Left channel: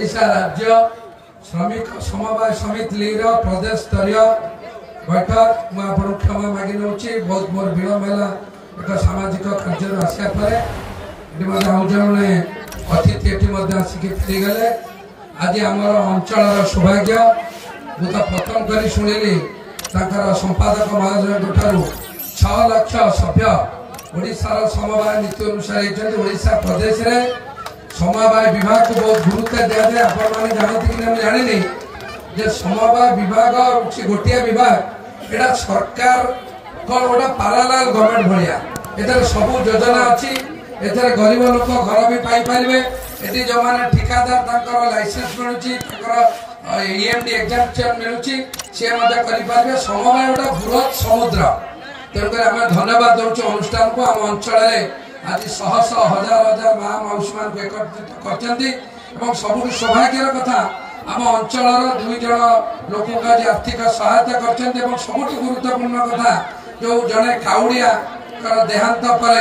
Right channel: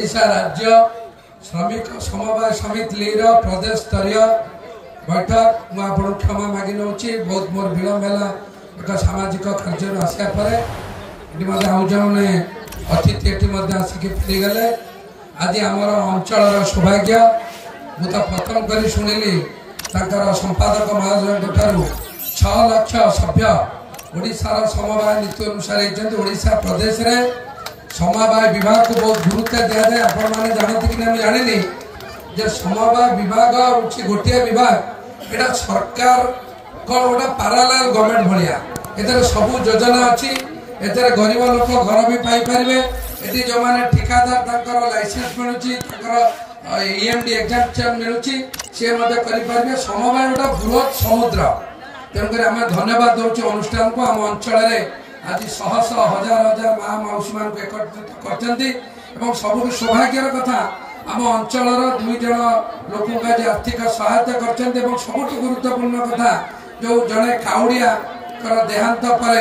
ओडिशा राज्य श्रमिक समवाय समिति लीग प्रदेश स्तरीय बैठक मुझे क्षमा मागि नौ बहुत मोर विलम्ब है एक सामाजिक कार्य आसा पर आउ जने अतिथि आसिक फेरीगले आज आमर अंचल सौभाग्य मुझे प्रथम कर शुणिली संपादक महोदय 6 लाख सभ्य ओडिशार समवाय नीति अनुसार ओडिशा प्रदेश रे समवाय विभाग को बहुत गुरुत्व दिया जाए। आपण मैंने जानते कि नहीं जानिली जे समवाय विभाग हूँ गोटे विभाग एटा सरकार को गोटे पारालाल गवर्नमेंट भाया एथर सब योजना अच्छी एथर गरीब लोक घर भी पाई पारे ये जो मैंने ठिकादार लाइसेंस मिलूँ ईएमडी एग्जाम मिलूँ सी करें समवाय गोटे बृहत समुद्र तेणुक आम धन्यवाद दौर अनुष्ठान को आम अंचल आज शह शह हजार हजार माँ मौसी मान एकत्रित कर सब सौभाग्यर कथा आम अंचल 2 जन लोक आज आर्थिक सहायता कर सबुठ गुरुत्वपूर्ण कथा जो जड़े काउड़िया देहांत पर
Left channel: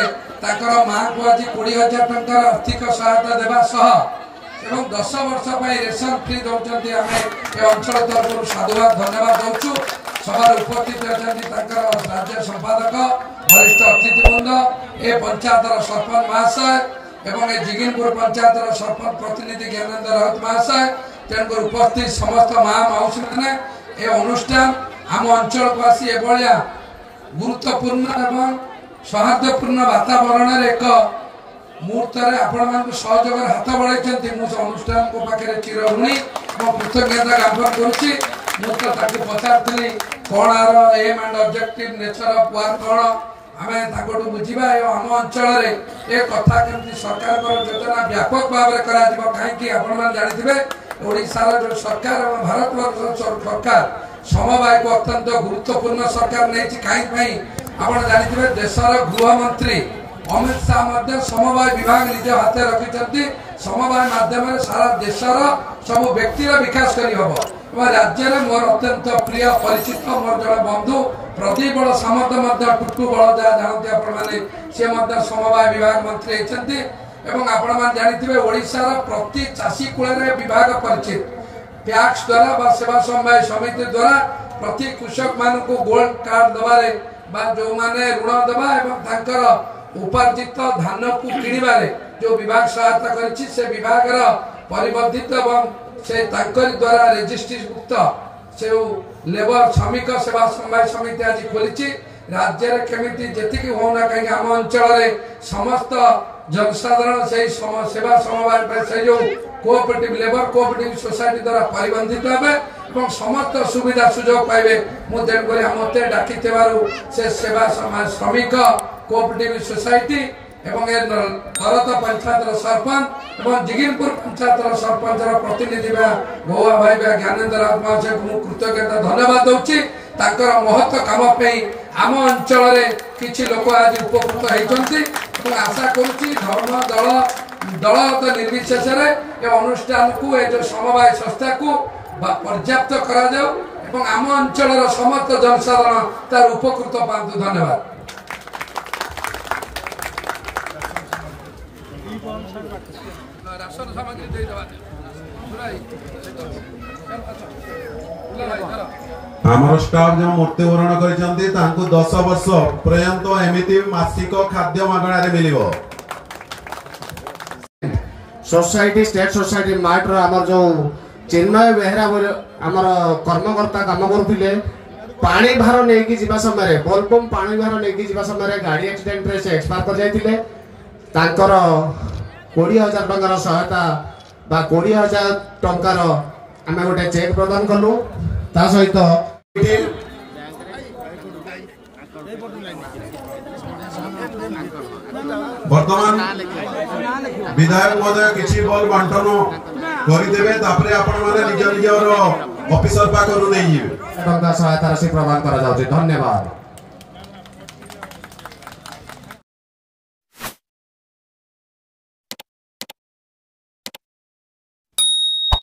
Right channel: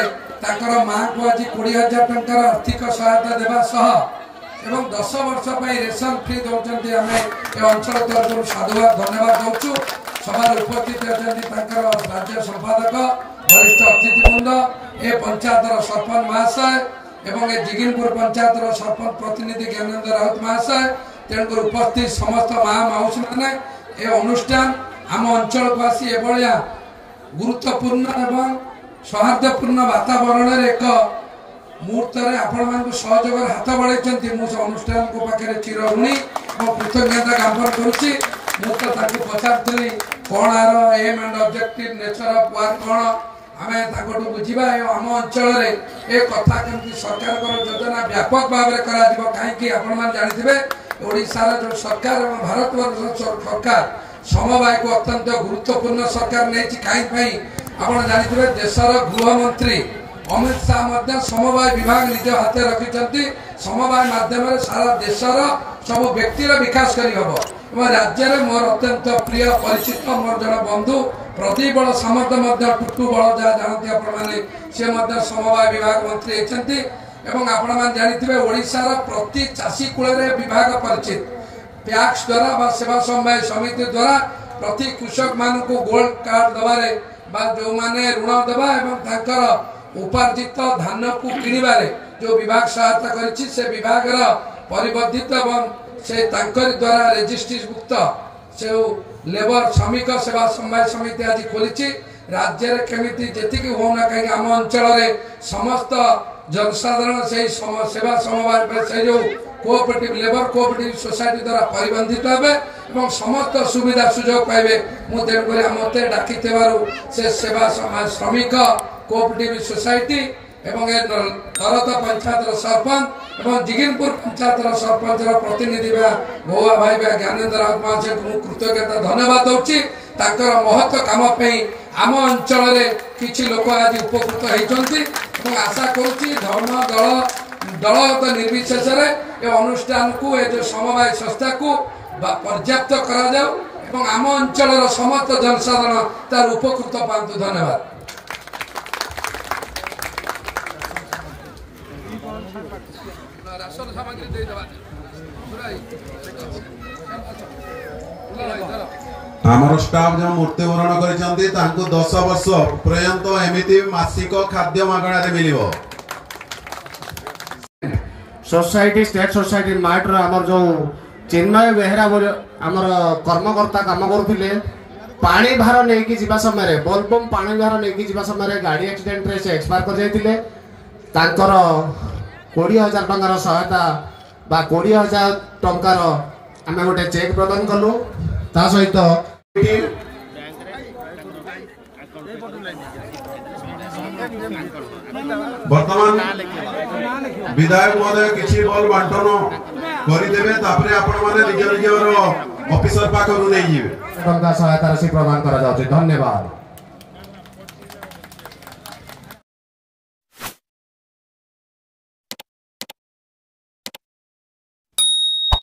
माँ को आज 20,000 टंकार आर्थिक सहायता देवा सह 10 वर्ष रेशन फ्री दौरान आम ए अंचल तरफ साधुवाद धन्यवाद दौचु सभार उपस्थित अच्छा राज्य संपादक वरिष्ठ अतिथिवृंद ए पंचायतर सरपंच महाशय एवं ए जिगिनपुर पंचायतर सरपंच प्रतिनिधि ज्ञानेन्द्र राउत महाशय तेणुक उपस्थित समस्त माँ मौसी मैंने ए अनुष्ठान आम अंचल को आसी एभलिया गुरुत्वपूर्ण एवं सौहार्दपूर्ण वातावरण एक मुहूर्त आपण सहयोग हाथ बढ़ाई मुझे अनुष्ठान को पाखे चिर ऋणी और कृतज्ञता ज्ञापन करुच्ची मुझे पचारि कौन आर aim and objective nature of work कौन आम बुझा आम अंचल ए कथा केमती सरकार योजना व्यापक भाव में कहीं जानते ओडिशार जो सरकार और भारत सरकार समवाय को अत्यंत गुरुत्वपूर्ण सरकार नहीं कहीं आप जानते देशर गृह मंत्री अमित शाह समवाय विभाग निज हाथ रखी समवाय माध्यम सारा देशर सब व्यक्तिर विकास करहब राज्य में मोर अत्यंत प्रिय परिचित मोर जन बंधु प्रदीप बड़ सामंत टुटू बड़ जहाँ जानते आपने सी समवाय विभाग मंत्री होती आपण जानते ओडिशार प्रति चाषी कूल विभाग परिचित पैक्स द्वारा सेवा समवाय समिति द्वारा प्रति कृषक मान गोल्ड कार्ड दबारे जो माने ऋण देवा उपार्जित धान को किणवारे जो विभाग सहायता कर विभाग परिवर्धित से द्वारा रेजिस्ट्रीभुक्त से लेबर श्रमिक सेवा समवाय समिति आज खोली राज्य केमिति जेतिकी होना कहीं आम अंचल समस्त जनसाधारण से सेवा समवाय से जो कोऑपरेटिव लेबर कोऑपरेटिव सोसाइटी द्वारा परिबंधित हे समस्त सुविधा सुजोग पाइबे मुझे मत डाकी से सेवा श्रमिक कोऑपरेटिव सोसाइटी एवं तरत पंचायत सरपंच और जिगिनपुर पंचायत सरपंच प्रतिनिधि गौआ भाई ज्ञानेन्द्र राउत महाशय को कृतज्ञता धन्यवाद दूची महत्व काम आम अंचल किसी लोक आज उपकृत होती आशा करुच्ची धर्म दलगत निर्विशेष अनुष्ठान को जो समवाय संस्था को पर्याप्त कर आम अंचल समस्त जनसाधारण तार उपकृत पातु। धन्यवाद। राशन सामग्री आमर स्टाफ जो मृत्युवरण कर 10 वर्ष पर्यंत एमती मासिक खाद्य मागणार मिलिबो। सोसाइटी स्टेट सोसाइटी मार्ट आमर जो चिन्मय बेहरा आमर कर्मकर्ता काम करथिले पानी भार नेकी जीवा समय बोलबम पानी भार नेकी जीवा समय गाड़ी एक्सीडेंट रे से एक्सपायर कर जायतिले तांकर 20,000 टंकार सहायता बा 20,000 टंकार आमे गोटे चेक प्रदान कलु ता सहित वर्तमान विधायक महोदय किछि बल बांटन करिदेबे तापरे आपण माने निज निजर ऑफिसर पाखरु नै जिवे टंका सहायता राशि प्रदान करा जाउछि। धन्यवाद।